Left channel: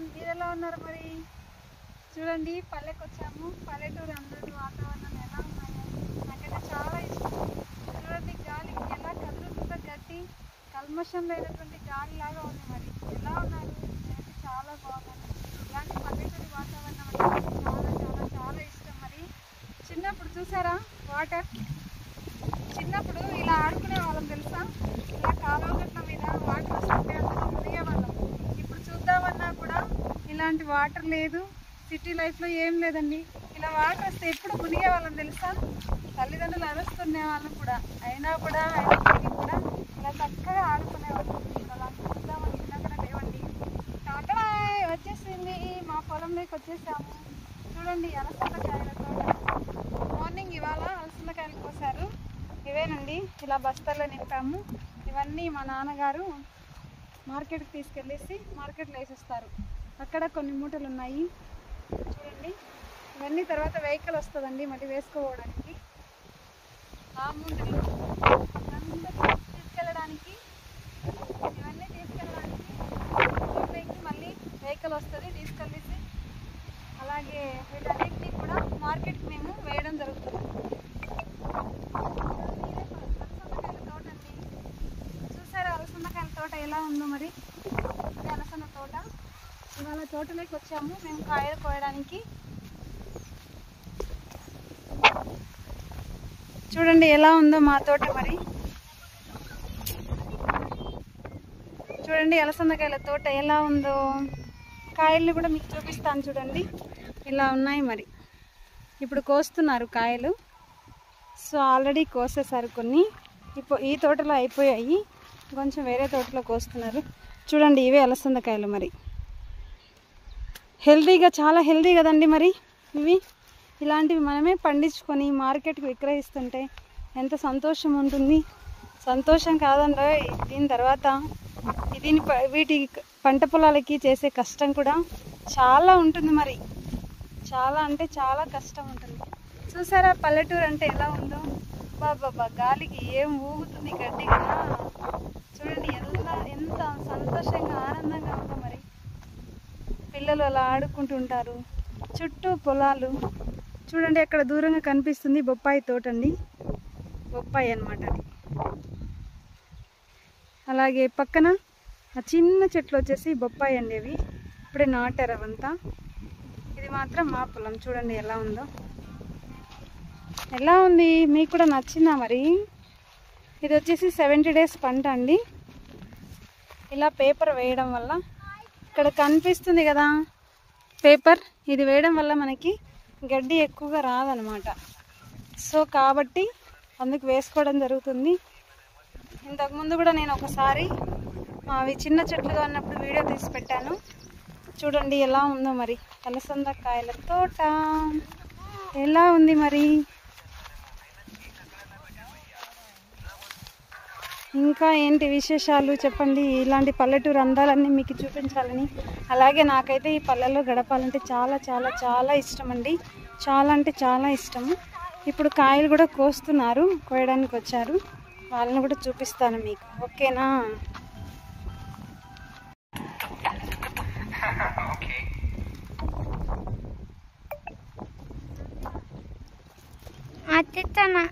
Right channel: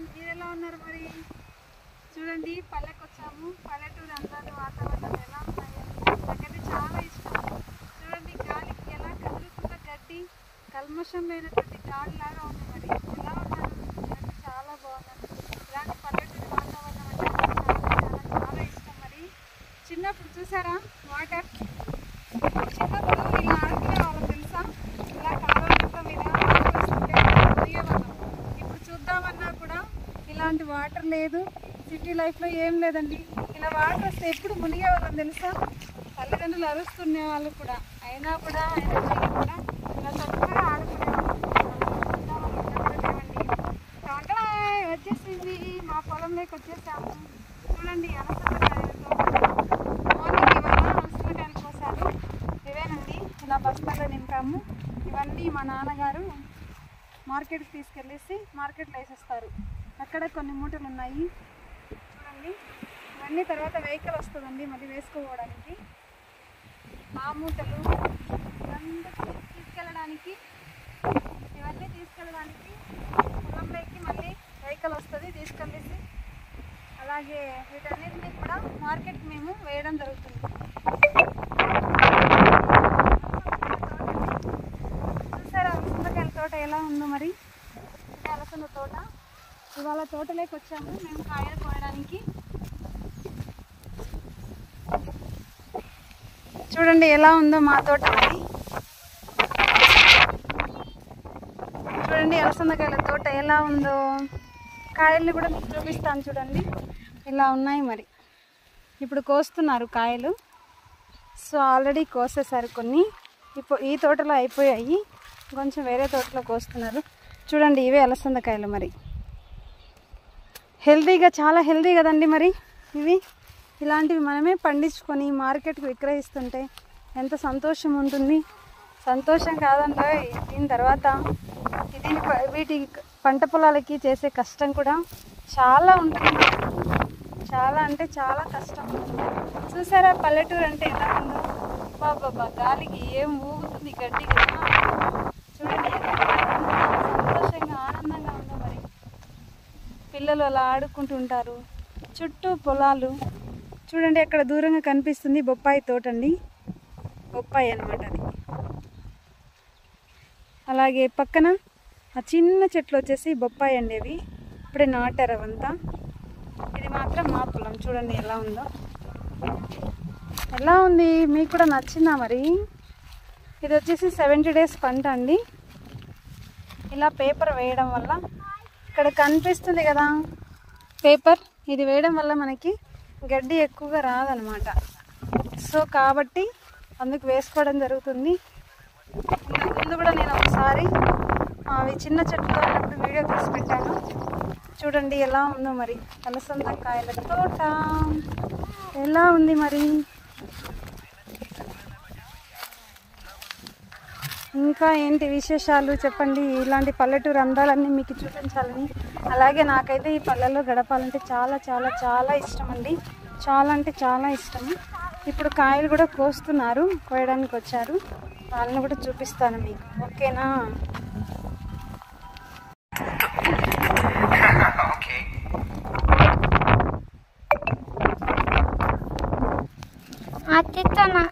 బాగున్నాను, మీరు ఎలా ఉన్నారు? మరి చూడండి, పల్లెకి వచ్చాము. పల్లెటూరు అన్నారు, వాతావరణం ఎలా ఉన్నాయి? నాకైతే చాలా ఇష్టం. చూడండి, గాలికి ఎలా కదులుతుందో, గడ్డి కల్మషం లేనటువంటి గాలి లాగా ఉంది. మరి ఎలా ఉన్నారు? నాకు చాలా బాగున్నాను. ఇలాంటి పల్లెటూరు వాతావరణం అంటే చాలా చాలా చాలా ఇష్టం. మరి చిన్నప్పుడు చూసారా వాటర్? చిన్నప్పుడు ఇలా ఆడుకునే వాళ్ళం తెలుసా? ఇలా కాలువ మీద మునిగేవాళ్ళం. ఇప్పుడు చూద్దామన్నా కూడా ఇలాంటి వాటర్ లేదు. సిటీ లైఫ్లో ఏం లేదండి. ఇలా వాటర్ వస్తే ఎప్పుడు మునిగేవాళ్ళం తెలుసా? తల్లిదండ్రులు అరుస్తునే వాళ్ళు కూడా అయినా కూడా ఇలా చక్కగా ఆడుకునేవాళ్ళం. వచ్చేసింది, మా పొలంలోకి వచ్చేసాము. చూడండి, అలసందకాయలతో మార్నింగ్ ఇవాళ అలసందకాయలు కోసారు. ఇవేనండి, ఇలా బస్తాల్లో నింపాము. ఇవన్నీ మా నాన్నగారు మార్కెట్కి తీసుకెళ్ళేసి మార్కెట్లో వేసేస్తారు. అక్కడ కొన్ని మూటలు ఉన్నాయి చూడండి. ఇవన్నీ తర్వాత వెహికల్ వస్తుందండి మళ్ళీ వేసుకోవడానికి. ఆ మూటలు ఇవన్నీ తీసుకెళ్ళడానికి, ఇవన్నీ తీసుకెళ్ళడానికి పొలంలోకి మళ్ళీ వెహికల్ వస్తుంది తీసుకెళ్ళేసి. అలాగే వీటన్నిటినీ కూడా మార్కెట్ మేము వేయడం జరుగుతుంది. చూసారా అలసందకాయల తోట ఎలా ఉందో? మరి అలసంద తోట. ఇవాళ తోటలోకి వచ్చాము మేము కాయలు కోయడానికి. చూడండి ఎలా ఉందో మా తోట. మరి చూడండి అలసందకాయల తోట ఎలా ఉందో. కాయల్ని కూడా మీకు చూపిస్తాను చూడండి, ఇలా ఉన్నాయి. మరి ఇప్పుడు కోస్తున్నారు కాయలు. సో ఆల్రెడీ కోసేసారు కొన్ని. ఇప్పుడు ఈ తోటలో అయిపోయాయి, కొంచెం వేరే తోటలో కోస్తున్నారు. చూడండి, ఇవే అలసందకాయలు. మరి హెల్తీగా, చాలా హెల్తీ కదండి. మరి ఇవి ఇలాంటివి మనమే పండించుకొని మార్కెట్కి విక్రయిస్తుంటే ఎంత సంతోషం ఉంటుంది. సంతోషం కాదండి, దీని తర్వాత వీటి పంట పొలాలకి చేసే కష్టం కూడా చాలా ఉంటుంది. మరి చాలా అంటే చాలా కష్టం ఉంటుంది. చూసారా పల్లెటూరు అంటే ఎలా ఉందో? బాబా, గాలికి ఏం ఊగుతుంది గడ్డి కదా. చూడండి ఎంత సంతోషంగా ఆనందంగా ఉందో. మరి పిల్లలు అలా ఆడుకుంటుంటారు. చుట్టూ పొలాలు. చూడండి అక్కడ దూరంగా కనిపిస్తుంది బొప్పాయి తోట అండి. బొప్పాయి అన్నమాట అది. అలాగే పక్కన ఆ చిన్న చెట్లు వచ్చేసి బొప్పాయి అండి. అవి ఇప్పుడే నాటారు అవంతా. ఇది మాత్రం మా పొలం. చూడండి ఎలా ఉందో. ఎలా ఉంది? మీకు కూడా నచ్చిందా? మరి ఇది వచ్చేసి 70 days పంట అండి. ఇలా పేపర్ వేయడం వల్ల, ఇక్కడ కనిపిస్తుంది కదా పేపర్, ఇది వేయడం వల్ల మనకి గడ్డి ఎక్కువగా రాదనమాట. సో కాబట్టి అందుకు వేసుకోవడం జరుగుతుంది. ఇంతకుముందు కూడా నేను ఒకసారి అవి చిన్న చెట్టుగా ఉన్నప్పుడు వీడియో తీసి పెట్టాను. చూడండి ఎలా ఉందో. మరి అలసందకాయల తోట ఎలా ఉంది? మరి ఇంకా ఏంటి విశేషాలు చెప్పండి. ఇలాంటి పల్లెటూరు అందాలన్నీ మీకు చూపించాలని. అలాగే నాకైతే ఈ పల్లెల్లో గడపాలంటే చాలా చాలా చాలా ఇష్టం అండి. చాలా అంటే చాలా ఇష్టము. ఇప్పుడు కాయలు కూడా కోస్తున్నారు, కోయడానికి వచ్చారు. వాళ్ళని కూడా చూపిస్తాను మీకు, ఓకేనా? అత్తిత్తనా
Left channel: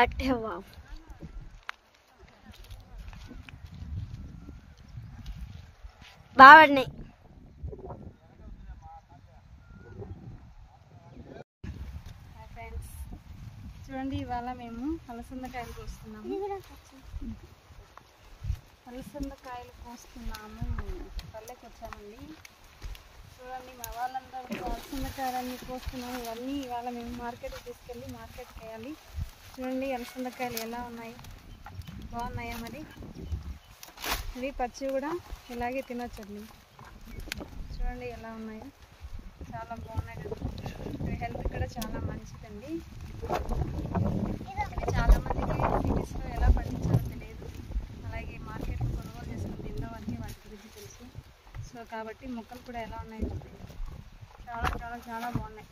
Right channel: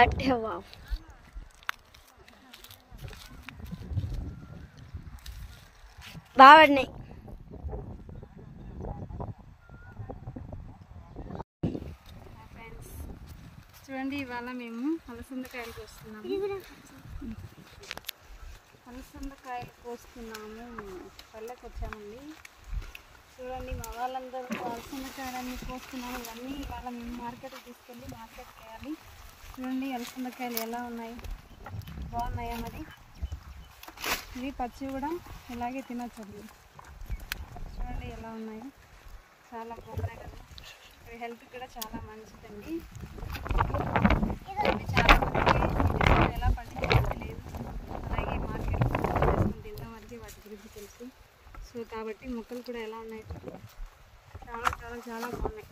అట్టే బాబు బాగా పడినాయి. ఫ్రెండ్స్ చూడండి, ఇవాళ మేము అలసందకాయలు కోస్తున్నాము. అలసందకాయలు కోస్తున్నాము, పల్లెకి వచ్చామండి. చూడండి మా వాళ్ళందరూ అలసందకాయలన్నీ కోస్తున్నాము. ఇవన్నీ ఇవాళ మేము మార్కెట్కి తీసుకెళ్ళి మార్కెట్కి వేయాలి. చూడండి అలసందకాయలు ఎలా ఉన్నాయి, బాగున్నాయా? మరి ఇవి పచ్చి కూడా ఇలాగే తినొచ్చండి. చూడండి ఎలా ఉన్నాయో, చాలా బాగున్నాయి కదా. ఇవి హెల్త్ కూడా చాలా మంచిదండి. చాలా మందికి ఎలా పండించాలో తెలియదు, అలాగే మార్కెట్ చేసుకుని తిన్న వారికి వాటి గురించి తెలుసు. సో కాబట్టి మొక్కలు కూడా ఎలా ఉన్నాయి, చాలా చాలా చాలా బాగున్నాయి.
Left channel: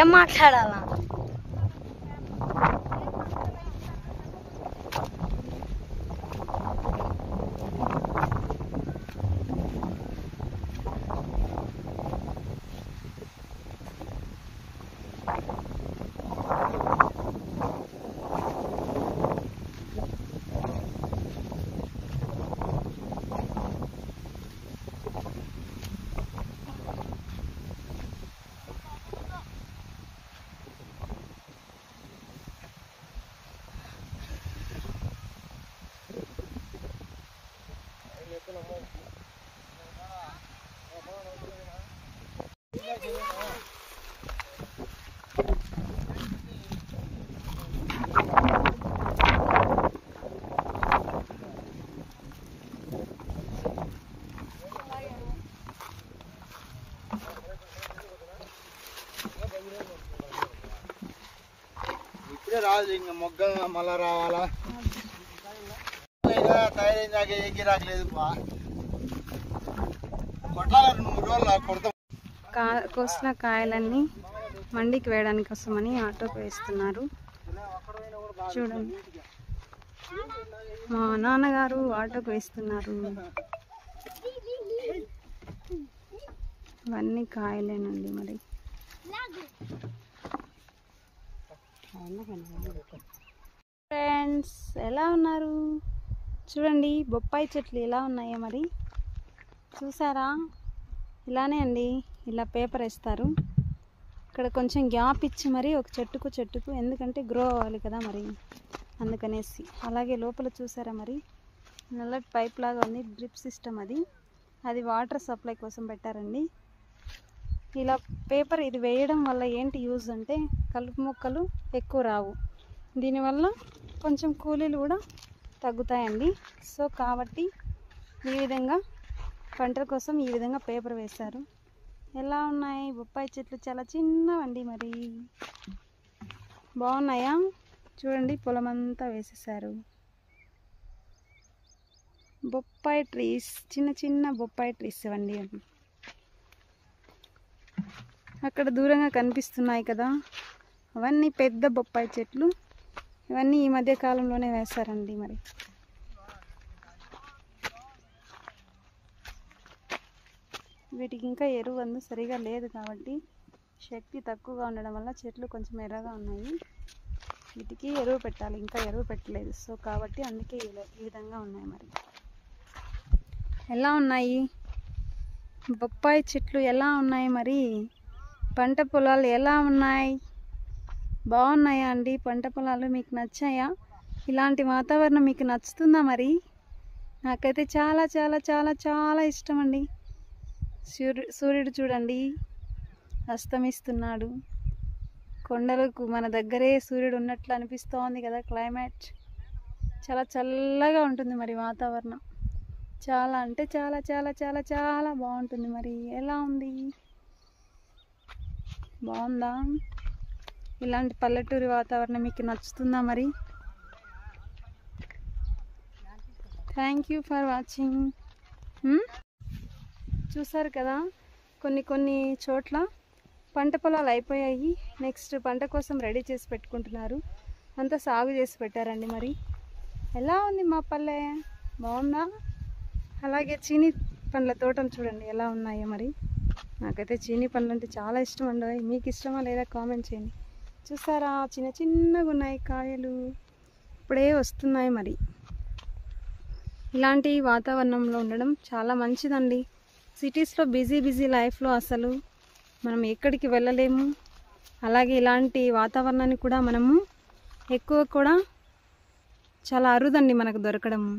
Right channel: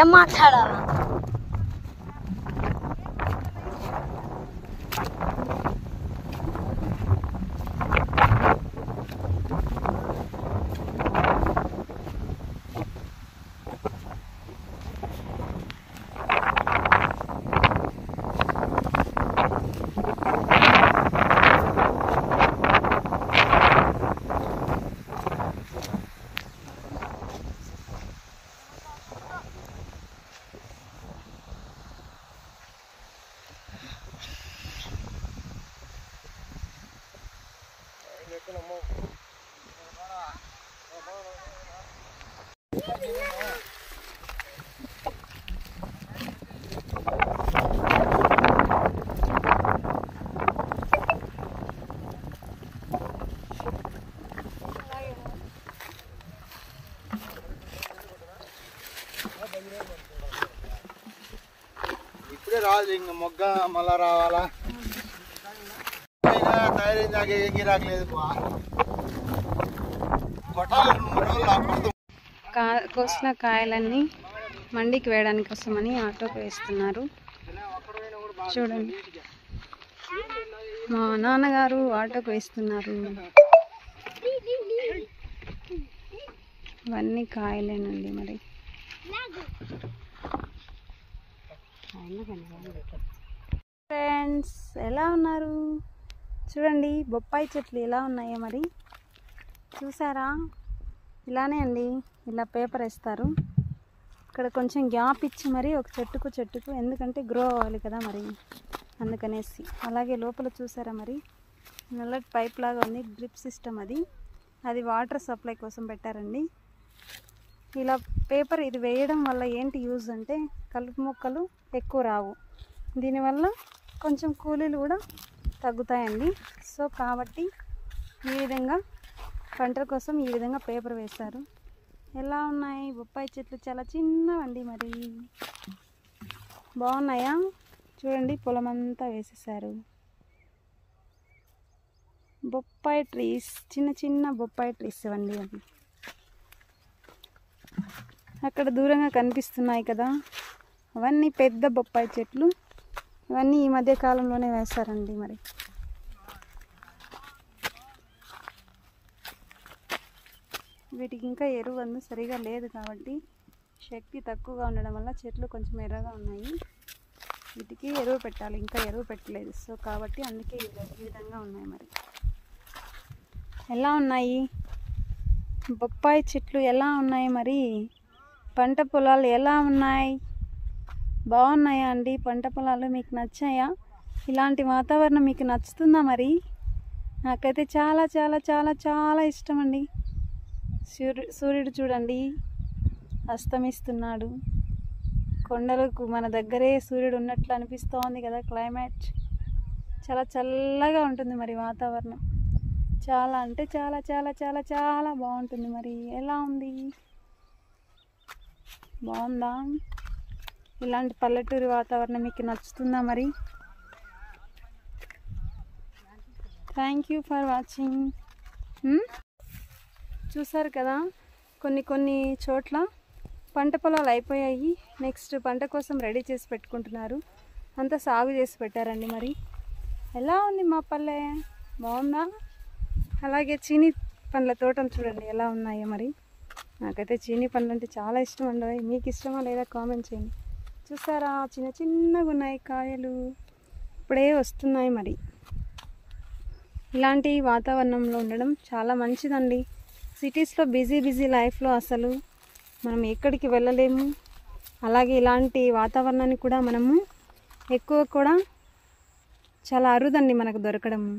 ఏం మాట్లాడాలా? ఇప్పుడే రాదు, ఇంకా మొగ్గ మళ్ళా రావాలా? తయారైందాక ఏకి రాలేదు. కోసిన కాయలన్నీ మండికి వేయడానికి కోసమని ఆటోకి వేస్తున్నారు. చూడండి మా నాన్నగారు ఆటోకి వేస్తున్నారు. ఇవన్నీ కాయలేనండి. మరి ఫ్రెండ్స్ ఎలా ఉన్నారు? చూడండి బొప్పాయి చెట్లు ఎలా ఉన్నాయో మరి చూసారా? ఇలానే అండి, ఇలా పేపర్ వేస్తారు. ఇక్కడ కొంచెం గ్యాప్ ఇచ్చి మరి ఒక చెట్టుకు ఎందుకంటే గ్రో అవ్వాలి కదా మరి, అందుకనేసి. అలాగే లోపల చూసారా మరి నల్లటి పైప్ లాగా ఉంది, డ్రిప్ సిస్టమ్. అది వాటర్ సప్లై కోసం పెట్టారండి. ఇలా పేపర్ ఇది వేయడం వల్ల ఏంటి యూజ్ అంటే కలుపు మొక్కలు ఎక్కువ రావు, దీనివల్ల కొంచెం కూలీలు కూడా తగ్గుతాయండి. సో కాబట్టి ఈ విధంగా పంటల కోసం ఈ విధంగా పేపర్ వేస్తారు. ఎలా ఉన్నాయి బొప్పాయి చెట్లు? చాలా చిన్నవండి, మరి బాగున్నాయా? చూడండి పొలం అంతా వేసేసారు. బొప్పాయి ట్రీస్, చిన్న చిన్న బొప్పాయి ట్రీస్ ఇవ్వండి. అవి అక్కడ దూరంగా కనిపిస్తున్నాయి కదా, అవన్నీ పెద్ద బొప్పాయి చెట్లు. ఇవన్నీ ఈ మధ్య కాలంలోనే వేస్తారండి. మరి వీటికి ఇంకా ఎరువు అందు సరిగా లేదు కాబట్టి, శక్తి తక్కువగా ఉండడం వల్ల చెట్లు కొంచెం ఎర్రగా ఉన్నాయి. వీటికి ఎరువు పెట్టాలి, ఇంకా ఎరువు పెట్టలేదు. సో కాబట్టి అందుకే ఈ విధంగా ఉన్నాయి. మరి ఎలా ఉన్నాయి బొప్పాయి చెట్లు? ఎలా ఉన్నాయి మరి పంట పొలాలు? ఎలా ఉన్నాయి? బాగున్నాయా అండి పంట పొలాలు? మీకు నచ్చాయా? ఇలాంటి వాతావరణం మీకు నచ్చుతుందా? మరి నాకైతే చాలా చాలా చాలా చాలా ఇష్టం అండి. సూర్యుడు చూడండి అస్తమిస్తున్నాడు. కొండలకు మన దగ్గరే సూర్యుడు ఉన్నట్లు అనిపిస్తోంది కదా. క్లైమేట్ చాలా చల్లగా ఉంటుంది మరి వాతావరణం. చాలా అంటే చాలా చాలా చాలా చాలా బాగుంటుంది. మరి ఎలా ఉంది? బాగుందా? ఇలాంటి పల్లెటూరి వాతావరణం మీకు నచ్చుతుందా మరి? Thank you for watching. చూసారు కదా, కొన్ని చోట్ల పంట పొలాలు అయిపోయాయి. నెక్స్ట్ పంట కోసం రెడీ చేసి పెట్టుకుంటున్నారు. అంతా సాగు చేసి పెట్టారండి. మరి ఎలా ఉంది మా పల్లె? బాగుందా? అలాగే చీనీ పండ్ల తోటలు చూడండి ఎలా ఉన్నాయో. మరి నాకైతే చీనీ పండ్లు అంటే చాలా ఇష్టం అండి. మీకు ఇష్టమా లేదా కామెంట్ చేయండి. చూసారా, చిన్నగా ఉన్నాయి కాయలు, ఇప్పుడే వస్తున్నాయి. మరి ఇలాంటి వాతావరణంలో ఉండడం చాలా మంచిదండి. సిటీస్లో బిజీ లైఫ్లో అసలు మనం ఎక్కడికి వెళ్ళలేము. అలాగే ఇలాంటి వాతావరణాన్ని కూడా మనము ఎక్కువ కూడా చాలా అరుదండి మనకు దొరకడము.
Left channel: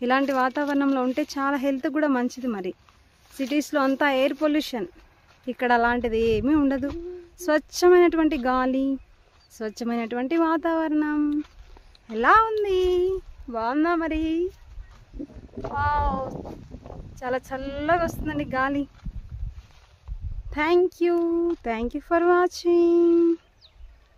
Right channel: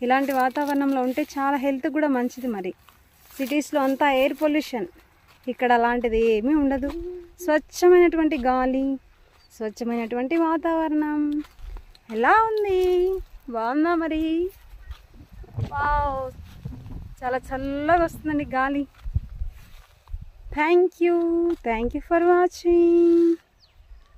ఇలాంటి వాతావరణంలో ఉంటే చాలా హెల్త్ కూడా మంచిది. మరి సిటీస్లో అంతా ఎయిర్ పొల్యూషన్, ఇక్కడ అలాంటిది ఏమీ ఉండదు. స్వచ్ఛమైనటువంటి గాలి, స్వచ్ఛమైనటువంటి వాతావరణం. ఎలా ఉంది? బాగుందా? మరి వావ్, చాలా చల్లగా వస్తుందండి గాలి. Thank you for watching.